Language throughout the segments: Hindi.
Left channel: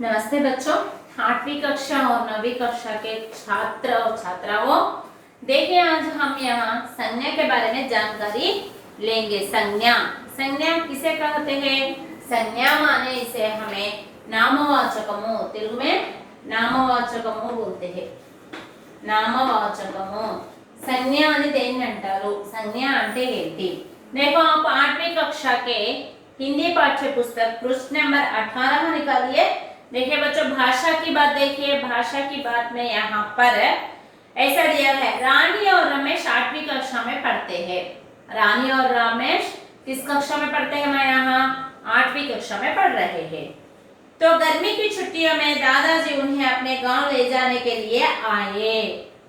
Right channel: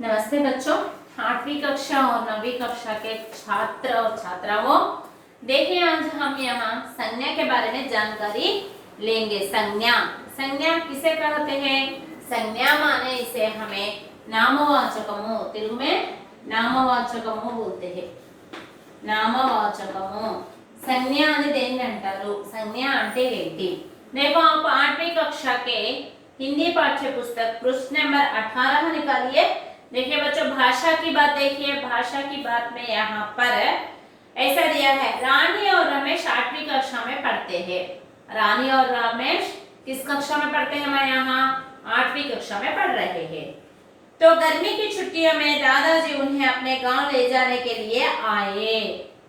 नमस्ते बच्चों, 8वीं कक्षा और 9वीं कक्षा के छात्र और छात्राओं, देखिए आज हम यहाँ संज्ञा के बारे में जानकारी लेंगे। संज्ञा संज्ञा किसे कहते हैं? संज्ञा माने इसे हमें नामवाचकमु, तेलुगु में नामवाचकमु बोलते हैं। नामवाचकमु संज्ञा అని దేన్ని అంటారు? संज्ञा అంటే ఏంటి? देखो आप 8वीं कक्षा के हिंदी पाठ्य पुस्तक पृष्ठ नंबर 18 निकालिए। देखिए बच्चों, भाषा की बात देखिए। भाषा की बात में यहाँ पर ऐसा दिया है, रानी और रमेश 8वीं कक्षा में पढ़ते हैं। रानी और रमेश किस कक्षा में पढ़ते हैं? मैं यहाँ 8वीं कक्षा में पढ़ रहे हैं। तो गर्मी की छुट्टियों में दादाजी उन्हें अपने गांव ले जाने के लिए आए।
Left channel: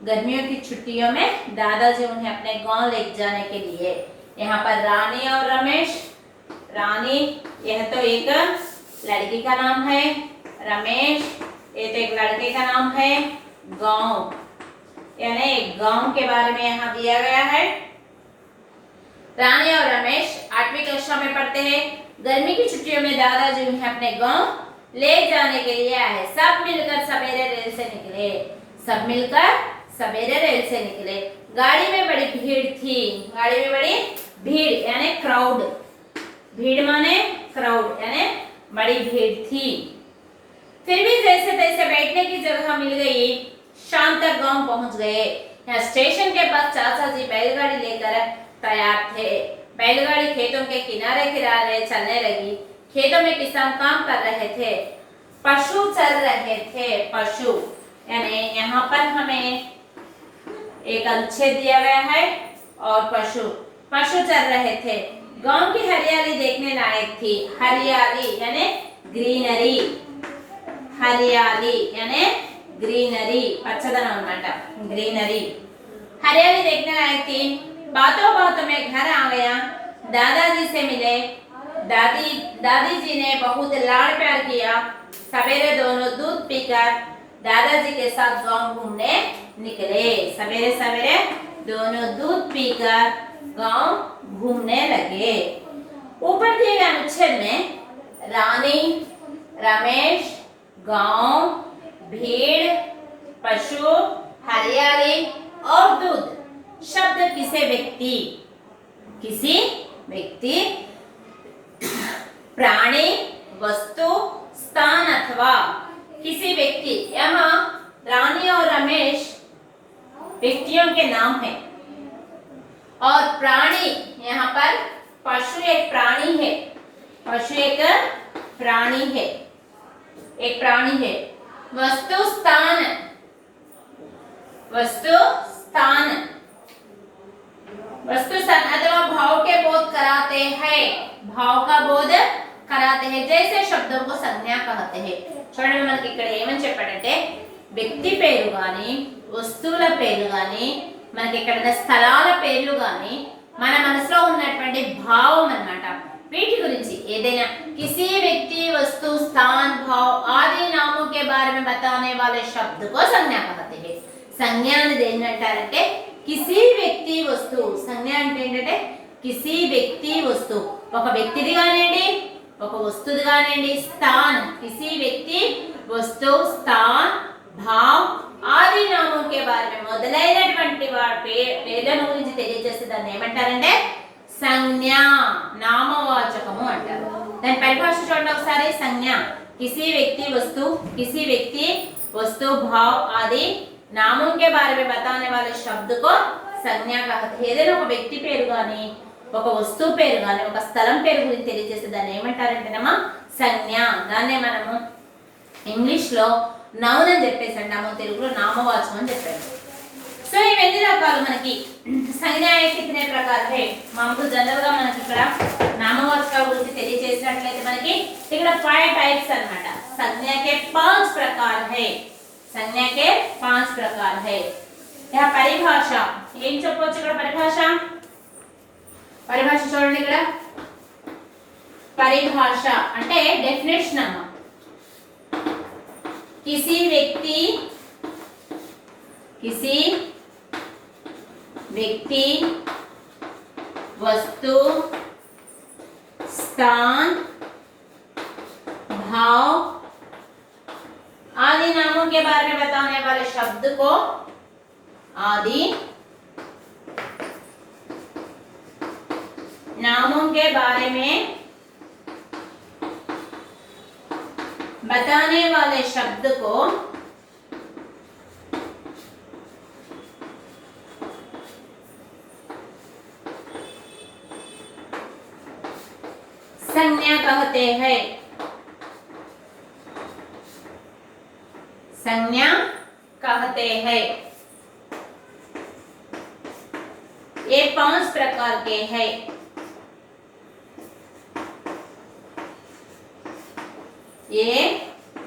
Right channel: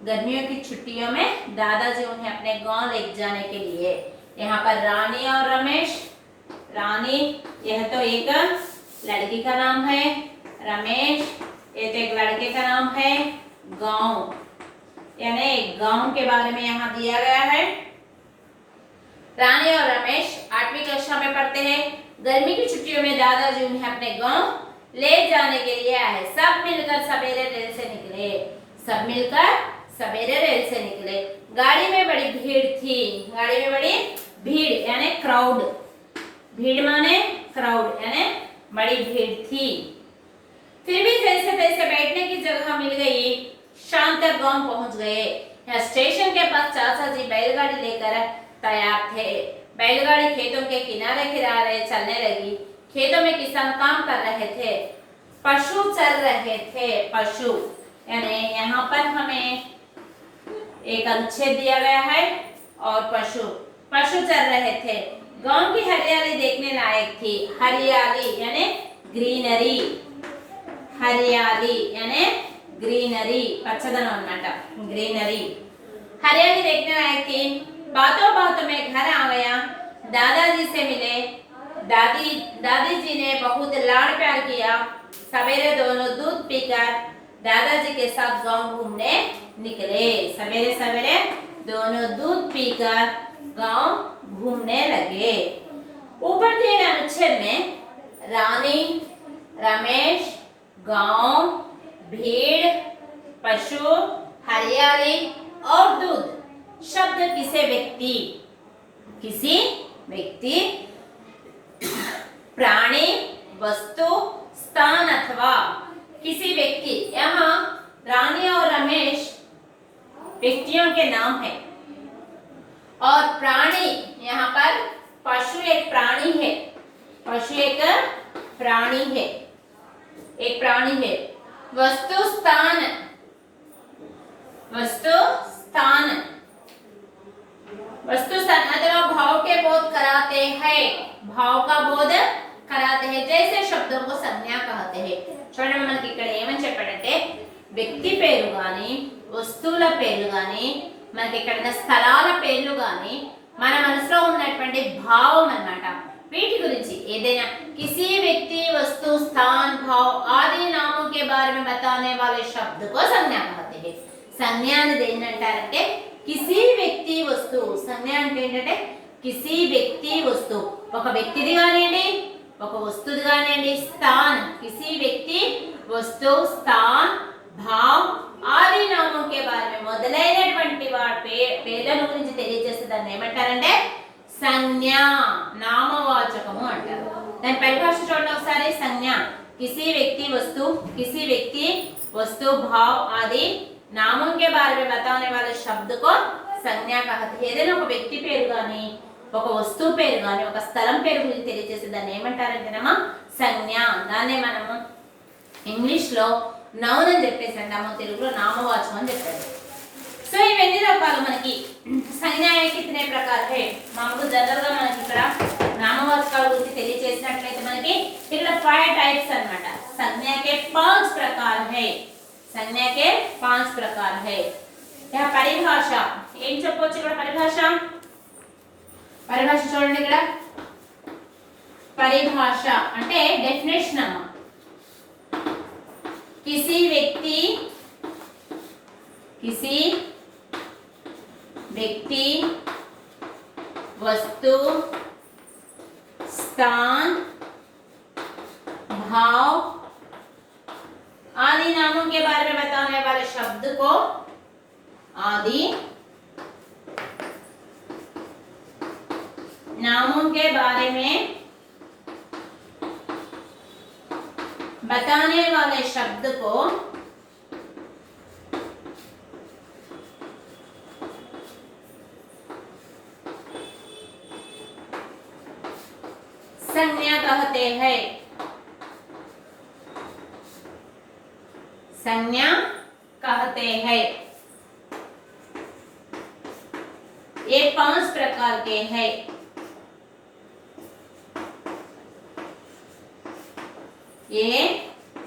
गर्मियों की छुट्टियों में दादाजी उन्हें अपने गांव ले जाने के लिए। यहाँ पर रानी और रमेश, रानी यह तो एक लड़की का नाम है, रमेश ये तो एक लड़के का नाम है। गांव यानी गांव के बारे में यहाँ दिया गया है। रानी और रमेश 8वीं कक्षा में पढ़ते हैं। गर्मी की छुट्टियों में दादाजी उन्हें अपने गांव ले जाने के लिए आए। सब मिलकर सवेरे रेल से निकले। सब मिलकर सवेरे रेल से निकले। गाड़ी में बड़ी भीड़ थी। गाड़ी में बड़ी भीड़ यानी क्राउड। भीड़ माने क्राउड यानी बड़ी भीड़ थी। फिर भी जैसे तैसे बैठने की जगह मिल गई। शाम तक गांव पहुंच गए। यहाँ स्टेशन के पास चाचा जी बैलगाड़ी लेकर तैयार थे। बैलगाड़ी खेतों के किनारे किनारे चलने लगी। खेतों में किसान काम कर रहे थे। पशु चल रहे थे। पशु यानी यहाँ पर हमें एक अनुच्छेद दिया गया है और पशु पशु चल रहे थे। गांव की हरियाली देखने लायक थी। हरियाली यानी ग्रीनरी। हरियाली यानी ग्रीनरी पచ్చदనం అన్నమాట। ग्रीनरी हरियाली देखने लायक थी। बातों बातों में घर आ गया। दादाजी से मिले। दादी जी ने बहुत लाड़ प्यार किया। सवेरे दोनों दूध पीकर दादाजी के साथ गांव घूमने निकले। सवेरे सवेरे दोनों दूध पीकर गांव घूमने लगे। ऊपर दिए गए अनुच्छेद में रानी, रमेश, गांव, भीड़, पशु, हरियाली और दूध शब्द किसी व्यक्ति, प्राणी, वस्तु, स्थान अथवा किसी व्यक्ति, यहाँ रानी और रमेश व्यक्तियों के नाम है। और प्राणी यहाँ पर पशु एक प्राणी है। पशु एक प्राणी है। एक प्राणी है। वस्तु स्थान, वस्तु स्थान, वस्तु स्थान अथवा भाव के बोध कराते हैं। भाव का बोध कराते हैं। जैसे शब्दों को संज्ञा कहते हैं। చూడండి, మనకి ఇక్కడ ఏమని చెప్పాడంటే వ్యక్తి పేరు గాని, వస్తువుల పేరు గాని, మనకి ఇక్కడ స్థలాల పేర్లు గాని మన మనసులో ఉన్నటువంటి భావం అన్నమాట। వీటి గురించి ఏదైనా किसी व्यक्ति, वस्तु, स्थान, भाव आदि नामों के बारे में बताने वाले शब्द को संज्ञा कहते हैं। संज्ञा అని దేన్ని అంటారంటే किसी व्यक्ति, वस्तु। సంజ్ఞ అంటే ఏంటంటే किसी व्यक्ति, वस्तु ఒక వ్యక్తిది గానియండి, ఒక వస్తువుది గానియండి, स्थान किसी व्यक्ति, वस्तु, स्थान, भाव आदि नामों के बारे में మొదలైనటువంటి వాటి పేర్లను గురించి తెలియజేసే దాన్ని ఏమంటారంటే సంజ్ఞ, నామవాచకము అంటారు। దాని పరిభాష చూడండి ఒకసారి। సంజ్ఞ किसी व्यक्ति, वस्तु, किसी व्यक्ति, वस्तु, भाव आदि नामों के बारे में बताने वाले शब्द को संज्ञा कहते हैं। ఏదైనా ఒక వ్యక్తి పేరు గాని, ఒక వస్తువు పేరు గాని, ఒక స్థలం పేరు గురించి తెలియజేసే దాన్ని ఏమంటారంటేనమ్మా సంజ్ఞ। దాన్నే మనము ఇంగ్లీష్ లో నౌన్ అని చెప్పేసి అంటాము, తెలుగులో నామవాచకం అని చెప్పారు। సో ఇవన్నీ రకాలు మనకి సంజ్ఞ कितने प्रकार है। మామూలు జనరల్ గా మనకి ఇక్కడ నామవాచకాల గురించి తెలియజేసినట్లయితే మనకి ఇక్కడ 5 टाइप्स అన్నమాట। संज्ञा के 5 प्रकार है। संज्ञा के 5 प्रकार है। यह परिभाषा ఏం చెప్పొచ్చు ఇక్కడ? పరిభాష చూడండి ఇక్కడ। పరిభాష అంటే డెఫినేషన్ అన్నమాట। किसी व्यक्ति, वस्तु, स्थान, भाव शब्द को आदि, नामों के बारे में बताने वाले शब्द को संज्ञा कहते हैं। संज्ञा कहते हैं। ये 5 प्रकार के हैं। ये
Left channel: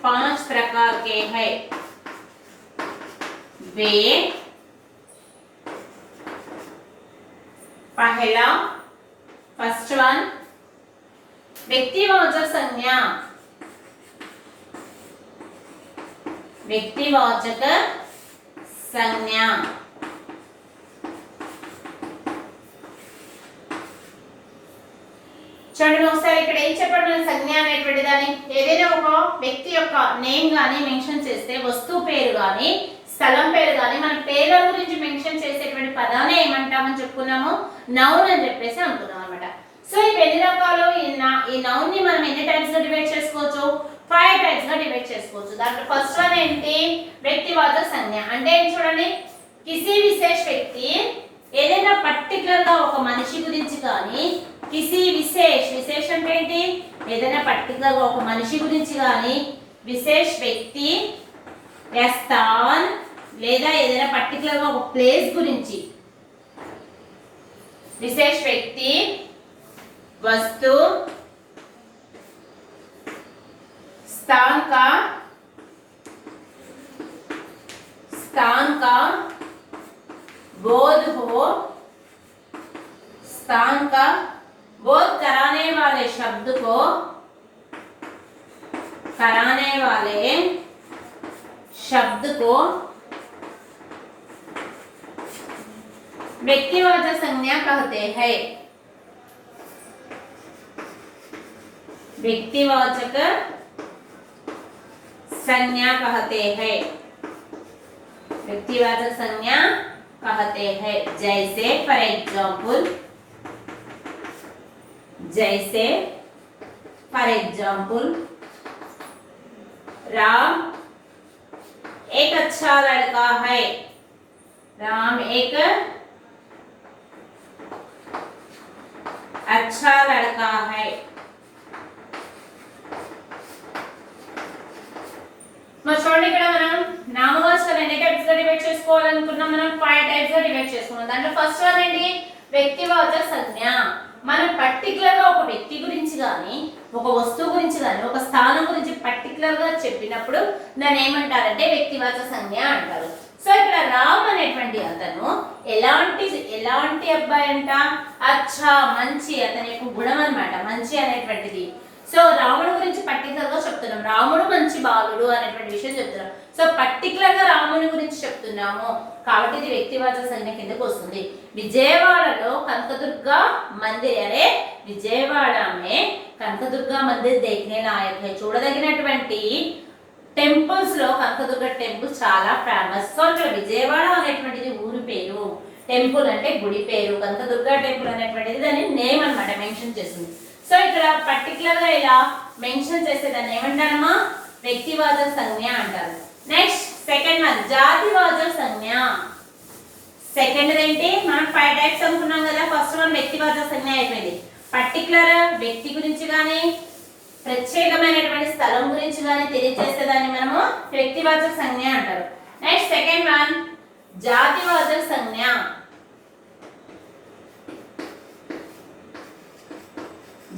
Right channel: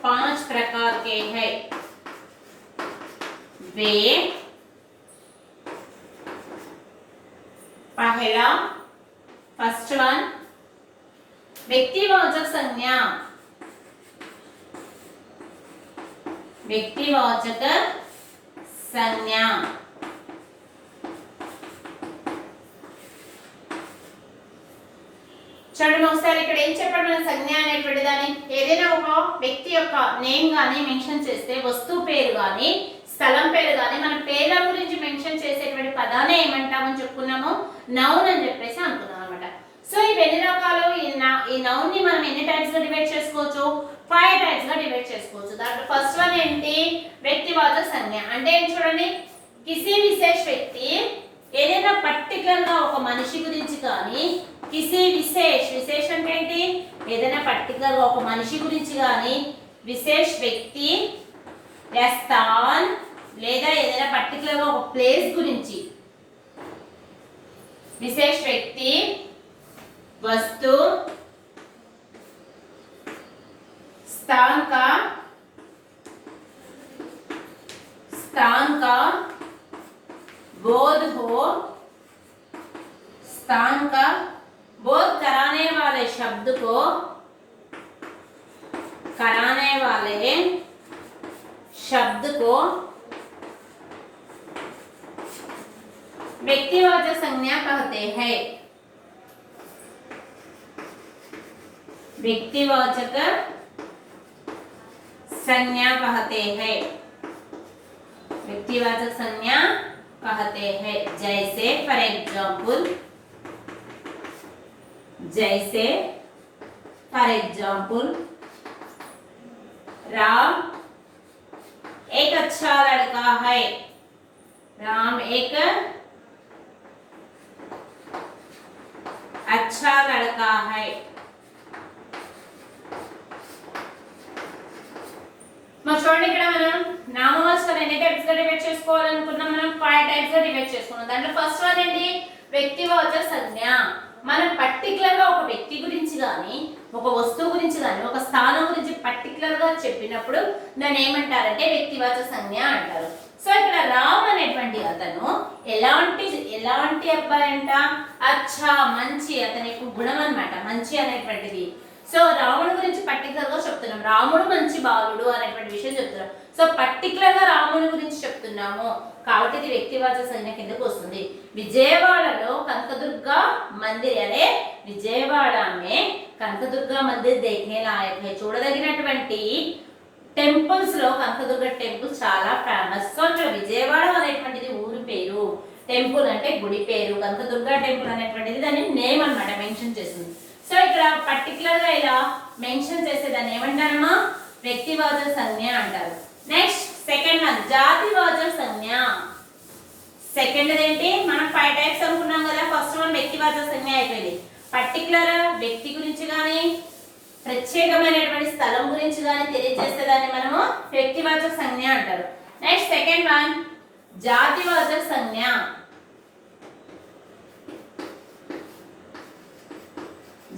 5 प्रकार के हैं। वे पहला फर्स्ट वन व्यक्तिवाचक संज्ञा। व्यक्तिवाचक संज्ञा చూడండి ఒకసారి ఇక్కడ ఏం చెప్పాడు మన సంజ్ఞ అనేటువంటి దాన్ని ఏదైనా ఒక వ్యక్తి యొక్క నేమ్ గాని మెన్షన్ చేస్తే వస్తువు పేరు గాని స్థలం పేరు గాని మన పేర్ల గురించి మెన్షన్ చేసేటువంటి పదాన్ని ఏమంటామని చెప్పుకున్నాము నౌన్ అని చెప్పేసి అనుకున్నాం అన్నమాట। సో ఇవి ఎన్ని రకాలు ఈ నౌన్ ని మనం ఎన్ని టైప్స్ గా డివైడ్ చేసుకోవచ్చు 5 టైప్స్ గా డివైడ్ చేసుకోవచ్చు। దాంట్లో ఫస్ట్ వన్ ఏంటి వ్యక్తివాచక సంజ్ఞ అంటే చూడండి किसी विशेष व्यक्ति ఏదైనా పర్టిక్యులర్ గా ఒక మనిషి గురించి కానీ किसी विशेष विशेष అంటే ఏంటి ఏదైనా పర్టిక్యులర్ గా ఒక మనిషి గురించి కానీ विशेष व्यक्ति या स्थान లేదా ఏదైనా పర్టిక్యులర్ గా ఒక ప్లేస్ గురించి विशेष व्यक्ति वस्तु स्थान का बोध हो, स्थान का बोध कराने वाले शब्द को व्यक्तिवाचक संज्ञा कहते हैं। व्यक्तिवाचक संज्ञा कहते हैं। व्यक्तिवाचक संज्ञा कहते हैं। जैसे फॉर एग्जाम्पल राम एक अच्छा लड़का है। राम एक अच्छा लड़का है। చూడండి ఇక్కడ మనం నామవాచకాలు ఎన్ని టైప్స్ గా డివైడ్ చేసుకోవాలనుకున్నాం మనం 5 టైప్స్ గా డివైడ్ చేసుకున్నాం। దాంట్లో ఫస్ట్ వన్ ఏంటి వ్యక్తివాచక సంజ్ఞ। మనం పర్టిక్యులర్ గా ఒక వ్యక్తి గురించి గాని ఒక వస్తువు గురించి గాని ఒక స్థానం గురించి పర్టిక్యులర్ గా చెప్పినప్పుడు దాన్ని ఏమంటారంటే వ్యక్తివాచక సంజ్ఞ అంటారు। సో ఇక్కడ రామ్ అనేటువంటి అతను ఎలాంటి అబ్బాయి అంట అచ్చా మంచి అతని యొక్క గుణం అన్నమాట మంచి అనేటువంటిది। సో రాముడు గురించి పర్టికులర్ గా చెప్తున్నాం రాముడు మంచి బాలుడు అనేటువంటి విషయం చెప్తున్నాం। సో పర్టికులర్ గా రాముని గురించి చెప్తున్నాము కాబట్టి ఇది వ్యక్తివాచక సంజ్ఞ కిందకు వస్తుంది। విజయవాడలో కనకదుర్గ మందిర్ అనే విజయవాడ में కనకదుర్గ మందిర్ देखने लायक है। చూడదగినటువంటి టెంపుల్స్ లో కనకదుర్గ టెంపుల్ చాలా ఫేమస్। సో విజయవాడ అనేటువంటిది ఊరి పేరు, టెంపుల్ అంటే గుడి పేరు, కనకదుర్గ టెంపుల్ అనేటువంటిది దాని నేమ్ అన్నమాట మెన్షన్ చేస్తుంది। సో ఇక్కడ పర్టికులర్ గా ఇలా మెన్షన్ చేసే దాన్ని ఏమంటారమ్మా వ్యక్తివాచక సంజ్ఞ అంటారు। నెక్స్ట్ సెకండ్ వన్ జాతివాచక సంజ్ఞ। సెకండ్ ఏంటి మనం 5 టైప్స్ అనుకున్నాం కదా। ఫస్ట్ వన్ వ్యక్తివాచక సంజ్ఞ అయిపోయింది। పర్టికులర్ వ్యక్తి గురించి గాని ప్రత్యేకమైనటువంటి స్థలం గురించి గాని తెలియజేసేదాన్ని మనము వ్యక్తివాచక సంజ్ఞ అంటారు। నెక్స్ట్ సెకండ్ వన్ జాతివాచక సంజ్ఞ।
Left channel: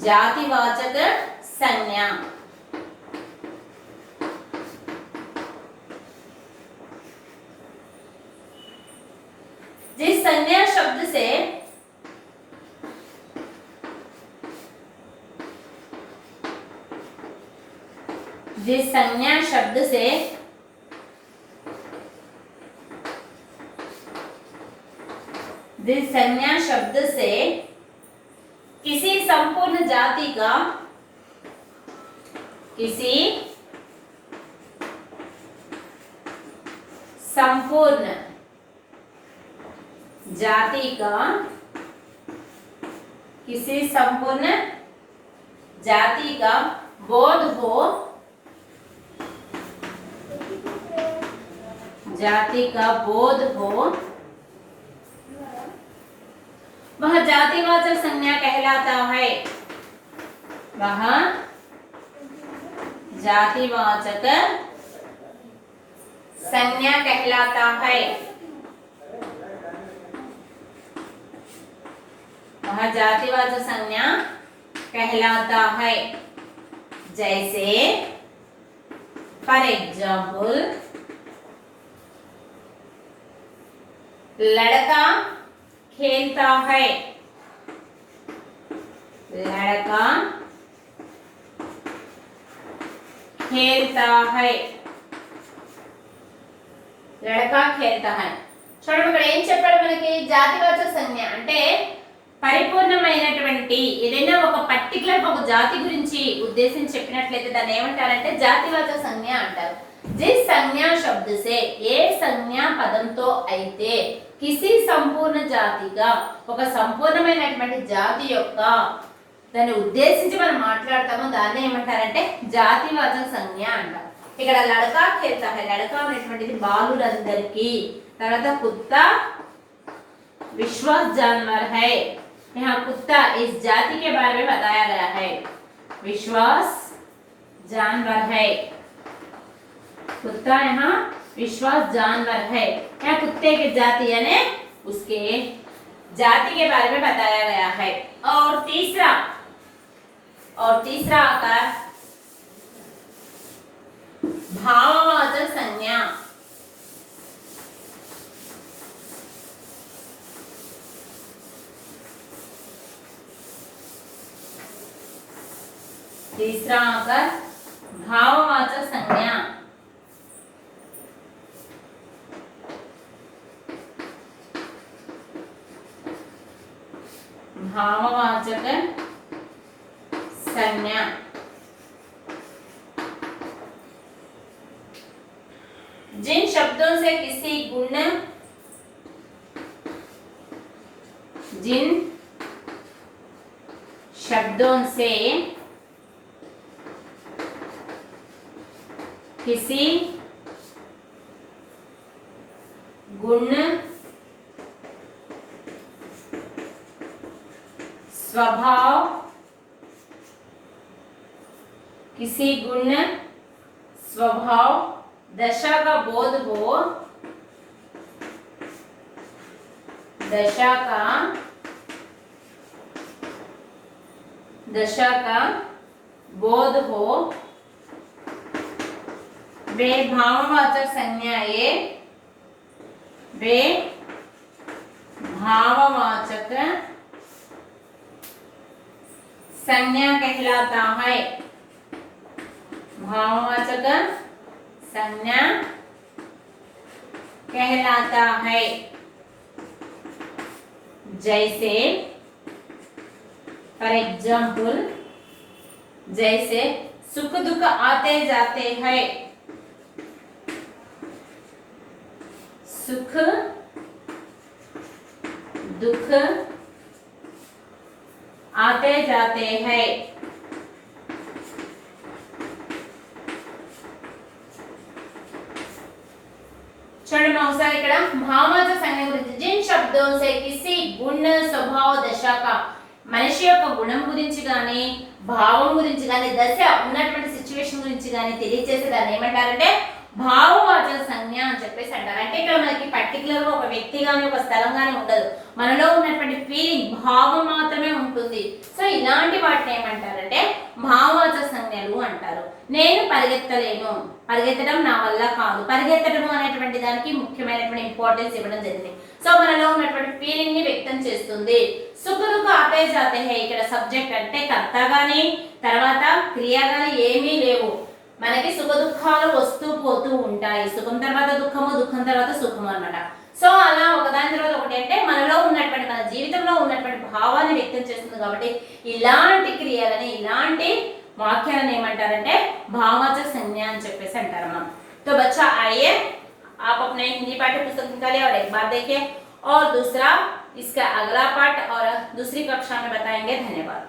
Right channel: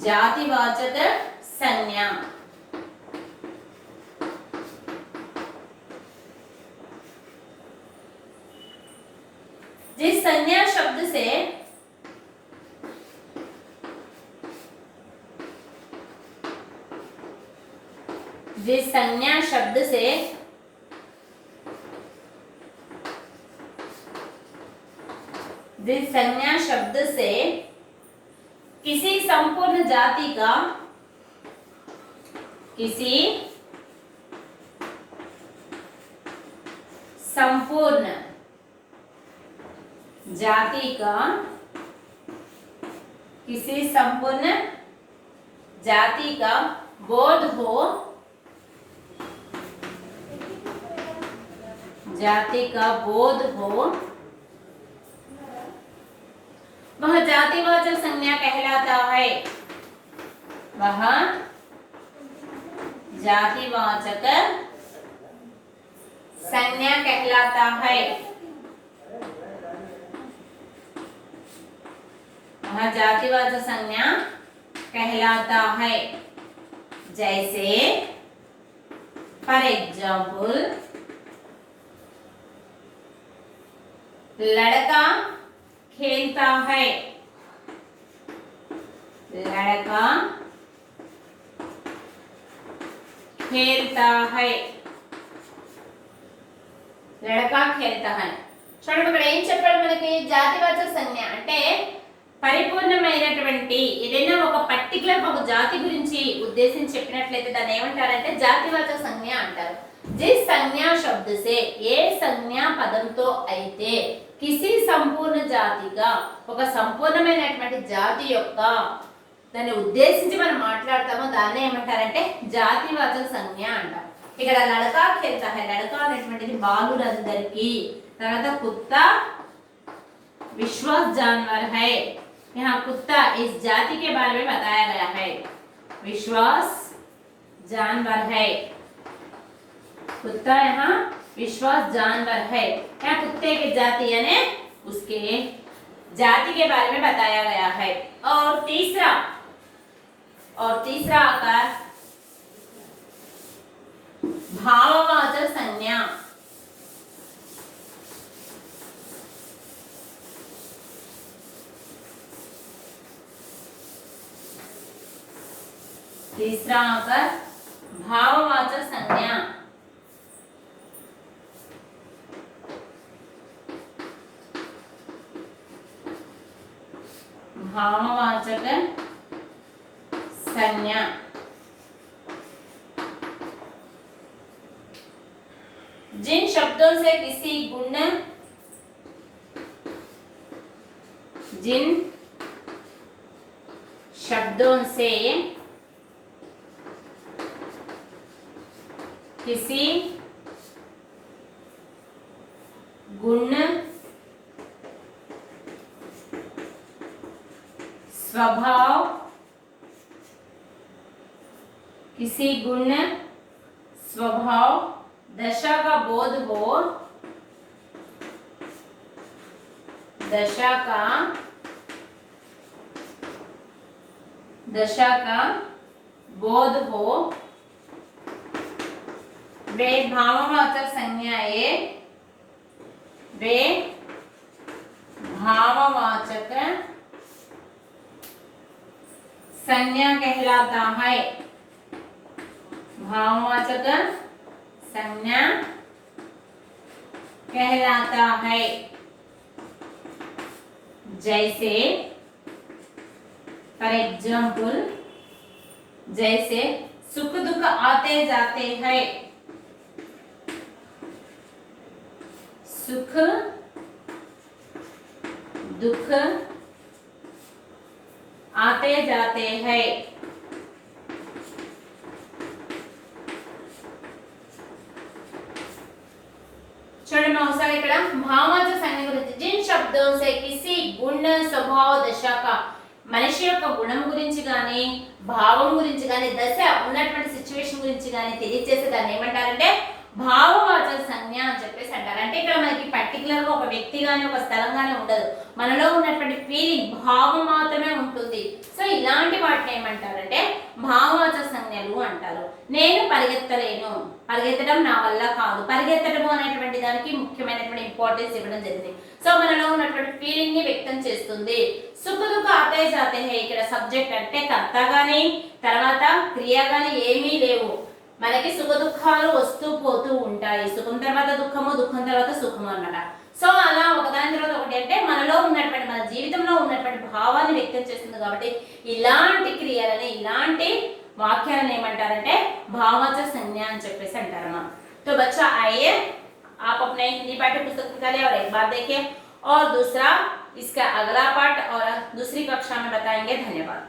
जातिवाचक संज्ञा जिस संज्ञा शब्द से जिस संज्ञा शब्द से किसी संपूर्ण जाति का संपूर्ण जाति का, किसी संपूर्ण जाति का बोध हो, जाति का बोध हो, वह जातिवाचक संज्ञा कहलाता है। वह जातिवाचक संज्ञा कहलाता है। वह जातिवाचक संज्ञा कहलाता है। जैसे फॉर एग्जाम्पल, लड़का खेलता है, लड़का खेलता है, लड़का खेलता है। చూడండి ఇక్కడ ఏం చెప్పాడు మనకి, జాతివాచక సంజ్ఞ అంటే పరిపూర్ణమైనటువంటి ఏదైనా ఒక పర్టికులర్ ఒక జాతి గురించి ఉద్దేశించి చెప్పినట్లయితే దాన్ని ఏమంటారంటే జాతివాచక సంజ్ఞ అంటారు। जिस संज्ञा शब्द से ఏ సంజ్ఞా పదంతో అయితే కిసి సంపూర్ణ జాతిగా ఒక సంపూర్ణమైనటువంటి జాతి యొక్క దాన్ని ఉద్దేశించి మనం మాట్లాడతామో దాన్ని ఏమంటారంటే జాతివాచక సంజ్ఞ అంటారు। ఇక్కడ లడకా ఖేల్తా హై, లడకా అనేటువంటిది బాలురందరికీ, తర్వాత కుత్తా विश्वास जानवर है। यहाँ कुत्ता इस जाति के बारे में बताया गया है, विश्वास जानवर है। कुत्ता यहाँ विश्वास जानवर है। यहाँ कुत्ते की जाति यानी उसके जाति के बारे में बताया गया है। और तीसरा आकार भाववाचक संज्ञा। तीसरा आकर भाववाचक संज्ञा। भाववाचक संज्ञा जिन शब्दों से किसी गुण, जिन शब्दों से किसी गुण, स्वभाव, किसी गुण, स्वभाव, दशा का बोध हो, दशा का बोध हो, वे भाववाचक संज्ञाएं, वे भाववाचक संज्ञा कहलाता है। भाववाचक संज्ञा कहलाता है। जैसे फॉर एग्जाम्पल, जैसे सुख दुख आते जाते हैं, सुख दुख आते जाते हैं। చూడండి మా ఒకసారి ఇక్కడ భావవాచక సంజ్ఞ గురించి, जिन शब्दों से किसी गुण, स्वभाव, दशा का మనిషి యొక్క గుణం గురించి కానీ భావం గురించి కానీ దశ ఉన్నటువంటి సిచ్యువేషన్ గురించి కానీ తెలియజేసే దాన్ని ఏమంటారంటే భావవాచక సంజ్ఞ అని చెప్పేసి అంటారు। అంటే ఇక్కడ మనకి పర్టికులర్ గా ఒక వ్యక్తి గాని ఒక స్థలం గాని ఉండదు, మనలో ఉన్నటువంటి ఫీలింగ్ భావం మాత్రమే ఉంటుంది। సో ఇలాంటి వాటిని ఏమంటారంటే భావవాచక సంజ్ఞలు అంటారు। నేను పరిగెత్తలేను, పరిగెత్తడం నా వల్ల కాదు, పరిగెత్తడం అనేటువంటి దానికి ముఖ్యమైనటువంటి ఇంపార్టెన్స్ ఇవ్వడం జరిగింది। సో మనలో ఉన్నటువంటి ఫీలింగ్ ని వ్యక్తం చేస్తుంది। సుఖ దుఃఖ ఆతే జాతే హై, ఇక్కడ సబ్జెక్ట్ అంటే కర్త గాని తర్వాత క్రియ గాని ఏమీ లేవు, మనకి సుఖ దుఃఖాలు వస్తూ పోతూ ఉంటాయి, సుఖం తర్వాత దుఃఖము, దుఃఖం తర్వాత సుఖము అన్నమాట। సో అలా ఒకదాని తర్వాత ఒకటి అంటే మనలో ఉన్నటువంటి మన జీవితంలో ఉన్నటువంటి భావాన్ని వ్యక్తం చేస్తుంది కాబట్టి ఇలాంటి క్రియలని ఇలాంటి వాక్యాలను ఏమంటారంటే భావవాచక సంజ్ఞ అని చెప్పేసి అంటారు మనం। तो बच्चा आइए आप अपने हिंदी पाठ्य पुस्तक निकालिए और एक बार देखिए, और दूसरा इसका अगला पाठ और दूसरी कक्षा में बताएंगे। धन्यवाद।